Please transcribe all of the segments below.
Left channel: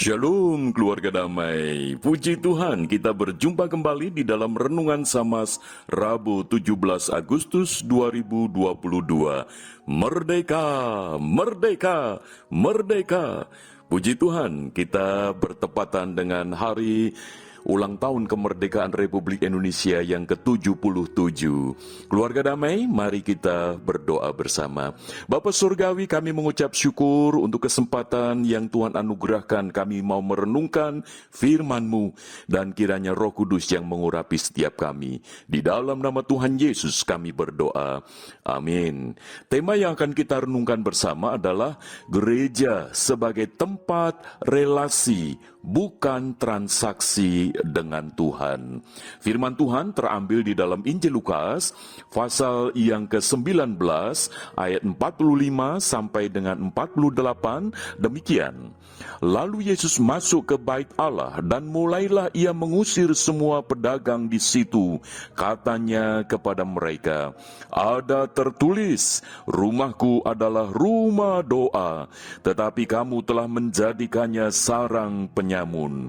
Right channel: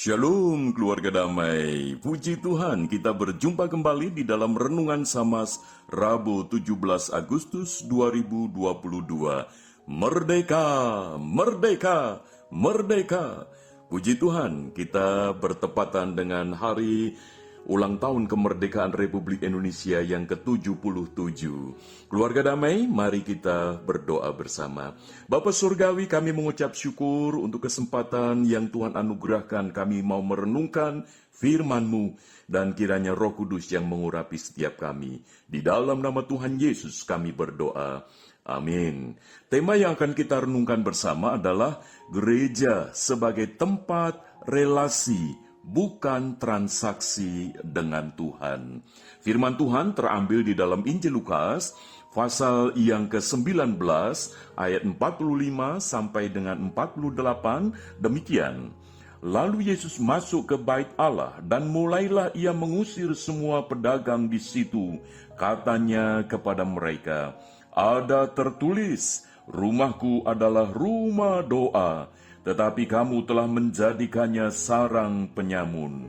Shalom keluarga damai, puji Tuhan kita berjumpa kembali di dalam Renungan Samas Rabu 17 Agustus 2022. Merdeka, merdeka, merdeka. Puji Tuhan kita bertepatan dengan hari ulang tahun kemerdekaan Republik Indonesia yang ke-77. Keluarga damai, mari kita berdoa bersama. Bapa Surgawi, kami mengucap syukur untuk kesempatan yang Tuhan anugerahkan. Kami mau merenungkan firman-Mu, dan kiranya Roh Kudus yang mengurapi setiap kami. Di dalam nama Tuhan Yesus kami berdoa. Amin. Tema yang akan kita renungkan bersama adalah gereja sebagai tempat relasi, bukan transaksi dengan Tuhan. Firman Tuhan terambil di dalam Injil Lukas, pasal yang ke-19, ayat 45 sampai dengan 48, demikian. Lalu Yesus masuk ke bait Allah dan mulailah ia mengusir semua pedagang di situ. Katanya kepada mereka, ada tertulis, rumahku adalah rumah doa, tetapi kamu telah menjadikannya sarang penyamun.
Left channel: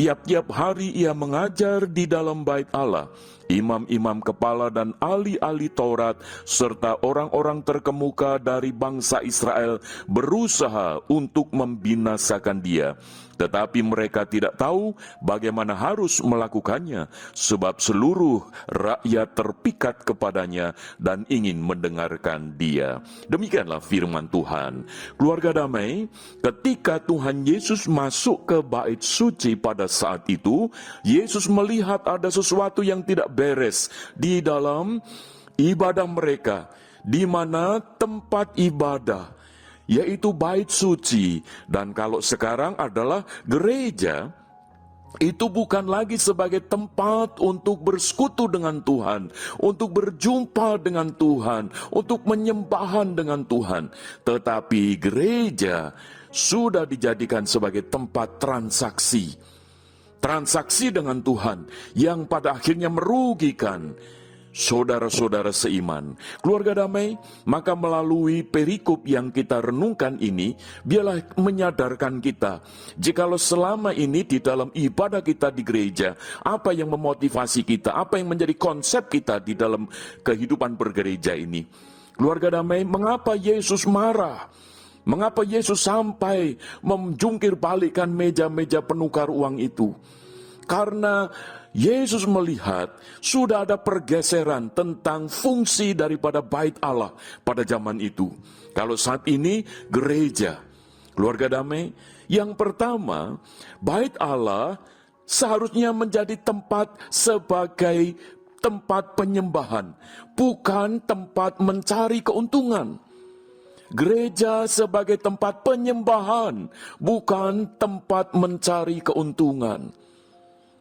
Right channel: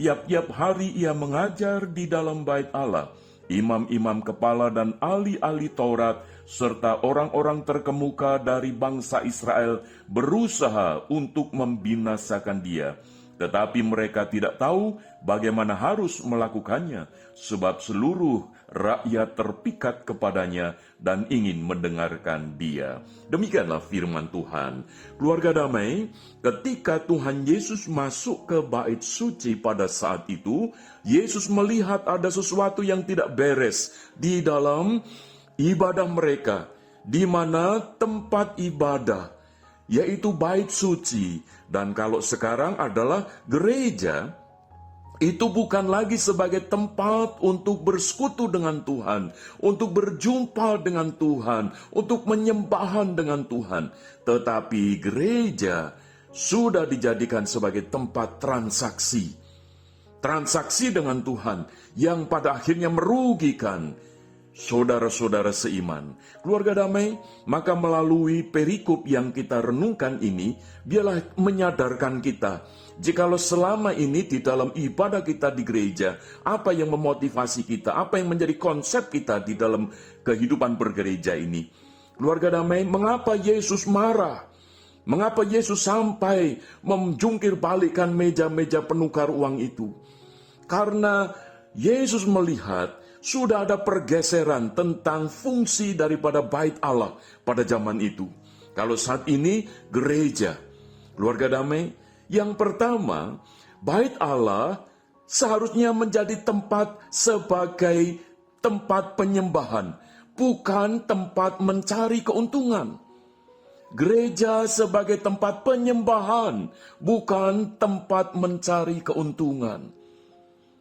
Tiap-tiap hari ia mengajar di dalam bait Allah. Imam-imam kepala dan ahli-ahli Taurat serta orang-orang terkemuka dari bangsa Israel berusaha untuk membinasakan dia. Tetapi mereka tidak tahu bagaimana harus melakukannya, sebab seluruh rakyat terpikat kepadanya dan ingin mendengarkan dia. Demikianlah firman Tuhan. Keluarga damai, ketika Tuhan Yesus masuk ke bait suci pada saat itu, Yesus melihat ada sesuatu yang tidak beres di dalam ibadah mereka, di mana tempat ibadah, yaitu bait suci. Dan kalau sekarang adalah gereja, itu bukan lagi sebagai tempat untuk bersekutu dengan Tuhan, untuk berjumpa dengan Tuhan, untuk menyembahan dengan Tuhan. Tetapi gereja sudah dijadikan sebagai tempat transaksi. Transaksi dengan Tuhan yang pada akhirnya merugikan saudara-saudara seiman. Keluarga damai, maka melalui perikop yang kita renungkan ini, biarlah menyadarkan kita, jikalau selama ini di dalam ibadah kita di gereja, apa yang memotivasi kita, apa yang menjadi konsep kita di dalam kehidupan bergereja ini. Keluarga damai, mengapa Yesus marah? Mengapa Yesus sampai menjungkir balikkan meja-meja penukar uang itu? Karena Yesus melihat sudah ada pergeseran tentang fungsi daripada bait Allah pada zaman itu. Kalau saat ini gereja, keluarga damai, yang pertama, bait Allah seharusnya menjadi tempat sebagai tempat penyembahan, bukan tempat mencari keuntungan. Gereja sebagai tempat penyembahan, bukan tempat mencari keuntungan.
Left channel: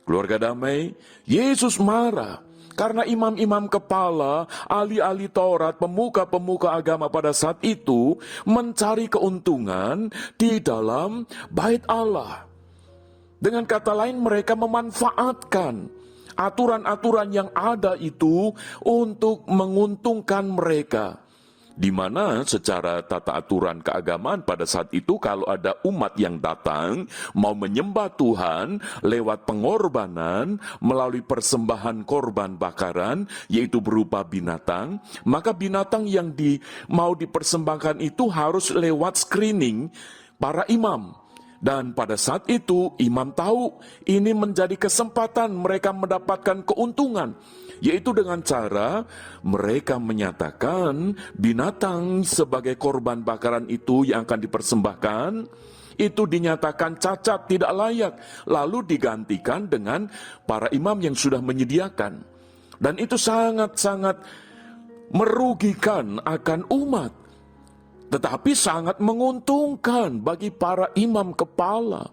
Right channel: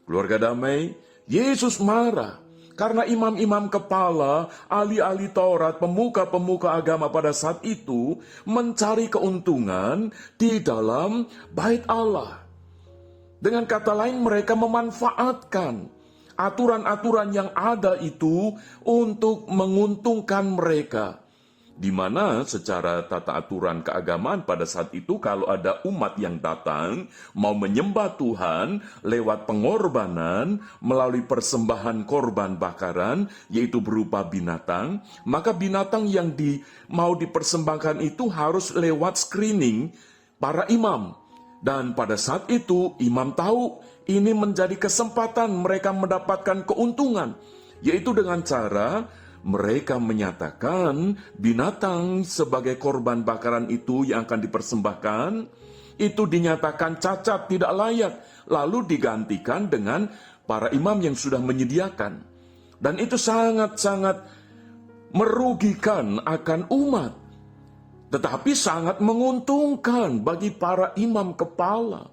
Keluarga damai, Yesus marah karena imam-imam kepala, ahli-ahli Taurat, pemuka-pemuka agama pada saat itu mencari keuntungan di dalam bait Allah. Dengan kata lain, mereka memanfaatkan aturan-aturan yang ada itu untuk menguntungkan mereka. Di mana secara tata aturan keagamaan pada saat itu, kalau ada umat yang datang mau menyembah Tuhan lewat pengorbanan melalui persembahan korban bakaran, yaitu berupa binatang, maka binatang yang mau dipersembahkan itu harus lewat screening para imam. Dan pada saat itu imam tahu ini menjadi kesempatan mereka mendapatkan keuntungan, yaitu dengan cara mereka menyatakan binatang sebagai korban bakaran itu yang akan dipersembahkan, itu dinyatakan cacat, tidak layak, lalu digantikan dengan para imam yang sudah menyediakan. Dan itu sangat-sangat merugikan akan umat, tetapi sangat menguntungkan bagi para imam kepala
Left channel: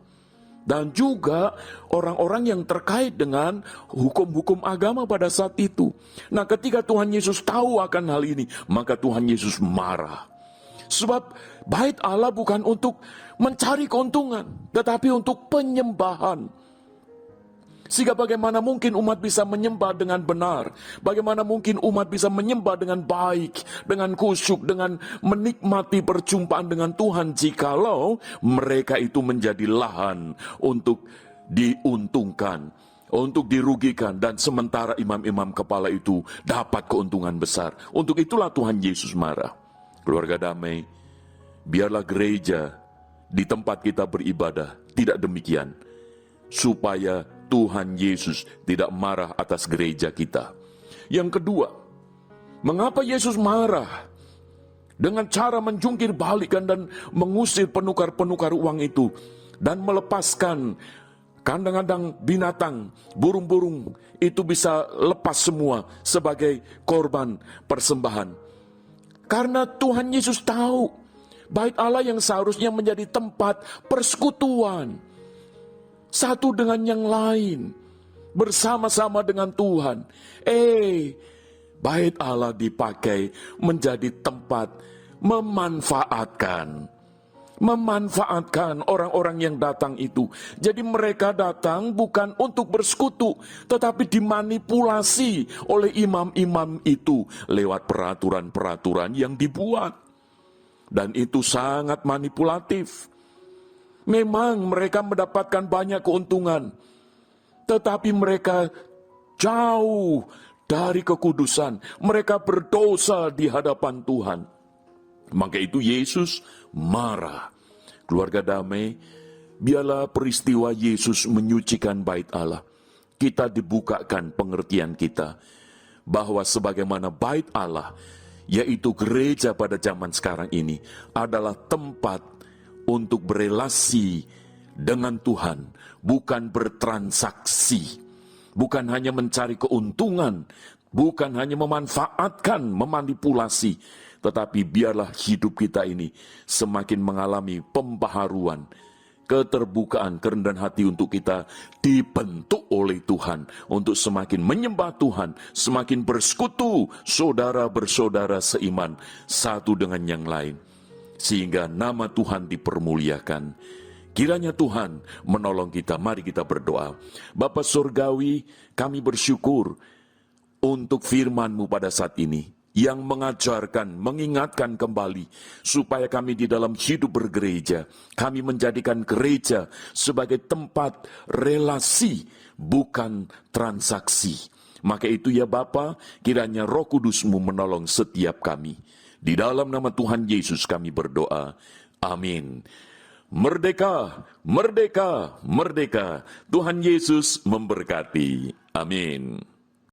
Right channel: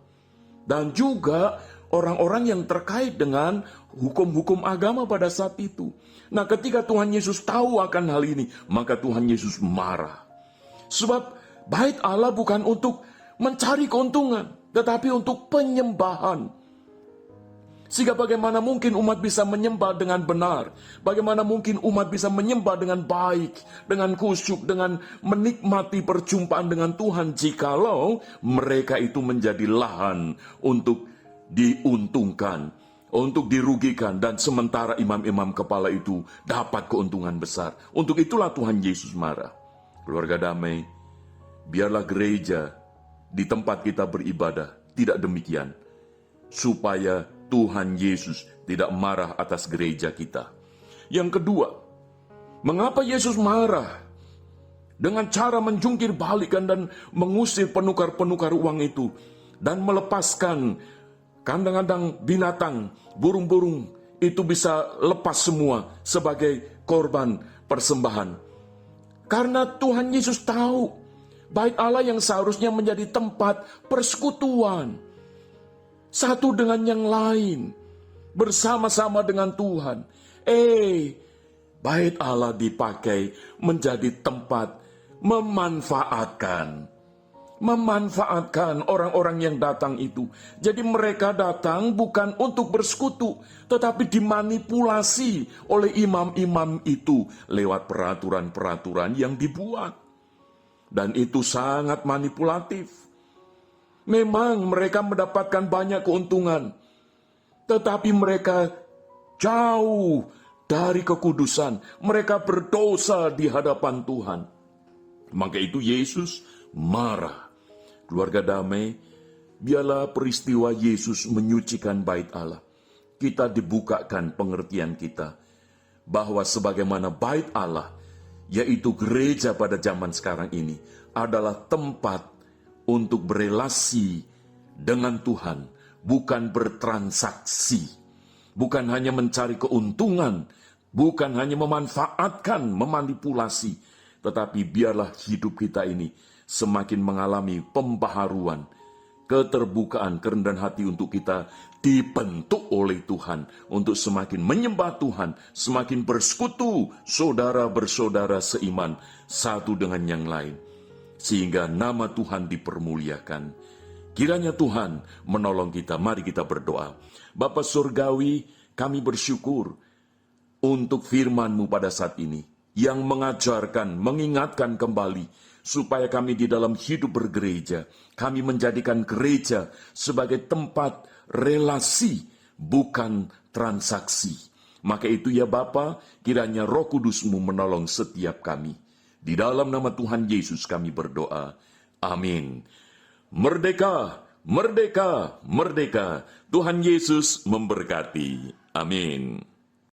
dan juga orang-orang yang terkait dengan hukum-hukum agama pada saat itu. Nah, ketika Tuhan Yesus tahu akan hal ini, maka Tuhan Yesus marah. Sebab bait Allah bukan untuk mencari keuntungan, tetapi untuk penyembahan. Sehingga bagaimana mungkin umat bisa menyembah dengan benar? Bagaimana mungkin umat bisa menyembah dengan baik, dengan khusyuk, dengan menikmati perjumpaan dengan Tuhan jikalau mereka itu menjadi lahan untuk diuntungkan, untuk dirugikan, dan sementara imam-imam kepala itu dapat keuntungan besar. Untuk itulah Tuhan Yesus marah. Keluarga damai, biarlah gereja di tempat kita beribadah tidak demikian, supaya Tuhan Yesus tidak marah atas gereja kita. Yang kedua, mengapa Yesus marah? Dengan cara menjungkir balikan dan mengusir penukar-penukar uang itu, dan melepaskan kandang-kandang binatang, burung-burung itu bisa lepas semua sebagai korban persembahan. Karena Tuhan Yesus tahu, bait Allah yang seharusnya menjadi tempat persekutuan satu dengan yang lain, bersama-sama dengan Tuhan. Bait Allah dipakai menjadi tempat memanfaatkan orang-orang yang datang itu. Jadi mereka datang bukan untuk bersekutu, tetapi dimanipulasi oleh imam-imam itu lewat peraturan-peraturan yang dibuat. Dan itu sangat manipulatif. Memang mereka mendapatkan banyak keuntungan, tetapi mereka jauh dari kekudusan. Mereka berdosa di hadapan Tuhan. Maka itu Yesus marah. Keluarga damai, biarlah peristiwa Yesus menyucikan bait Allah. Kita dibukakan pengertian kita bahwa sebagaimana bait Allah, yaitu gereja pada zaman sekarang ini, adalah tempat untuk berelasi dengan Tuhan, bukan bertransaksi, bukan hanya mencari keuntungan, bukan hanya memanfaatkan, memanipulasi, tetapi biarlah hidup kita ini semakin mengalami pembaharuan, keterbukaan, kerendahan hati untuk kita dibentuk oleh Tuhan, untuk semakin menyembah Tuhan, semakin bersekutu, saudara bersaudara seiman, satu dengan yang lain, sehingga nama Tuhan dipermuliakan. Kiranya Tuhan menolong kita. Mari kita berdoa. Bapa Surgawi, kami bersyukur untuk firman-Mu pada saat ini, yang mengajarkan, mengingatkan kembali, supaya kami di dalam hidup bergereja, kami menjadikan gereja sebagai tempat relasi, bukan transaksi. Maka itu ya Bapa, kiranya Roh Kudus-Mu menolong setiap kami. Di dalam nama Tuhan Yesus kami berdoa. Amin. Merdeka, merdeka, merdeka. Tuhan Yesus memberkati. Amin.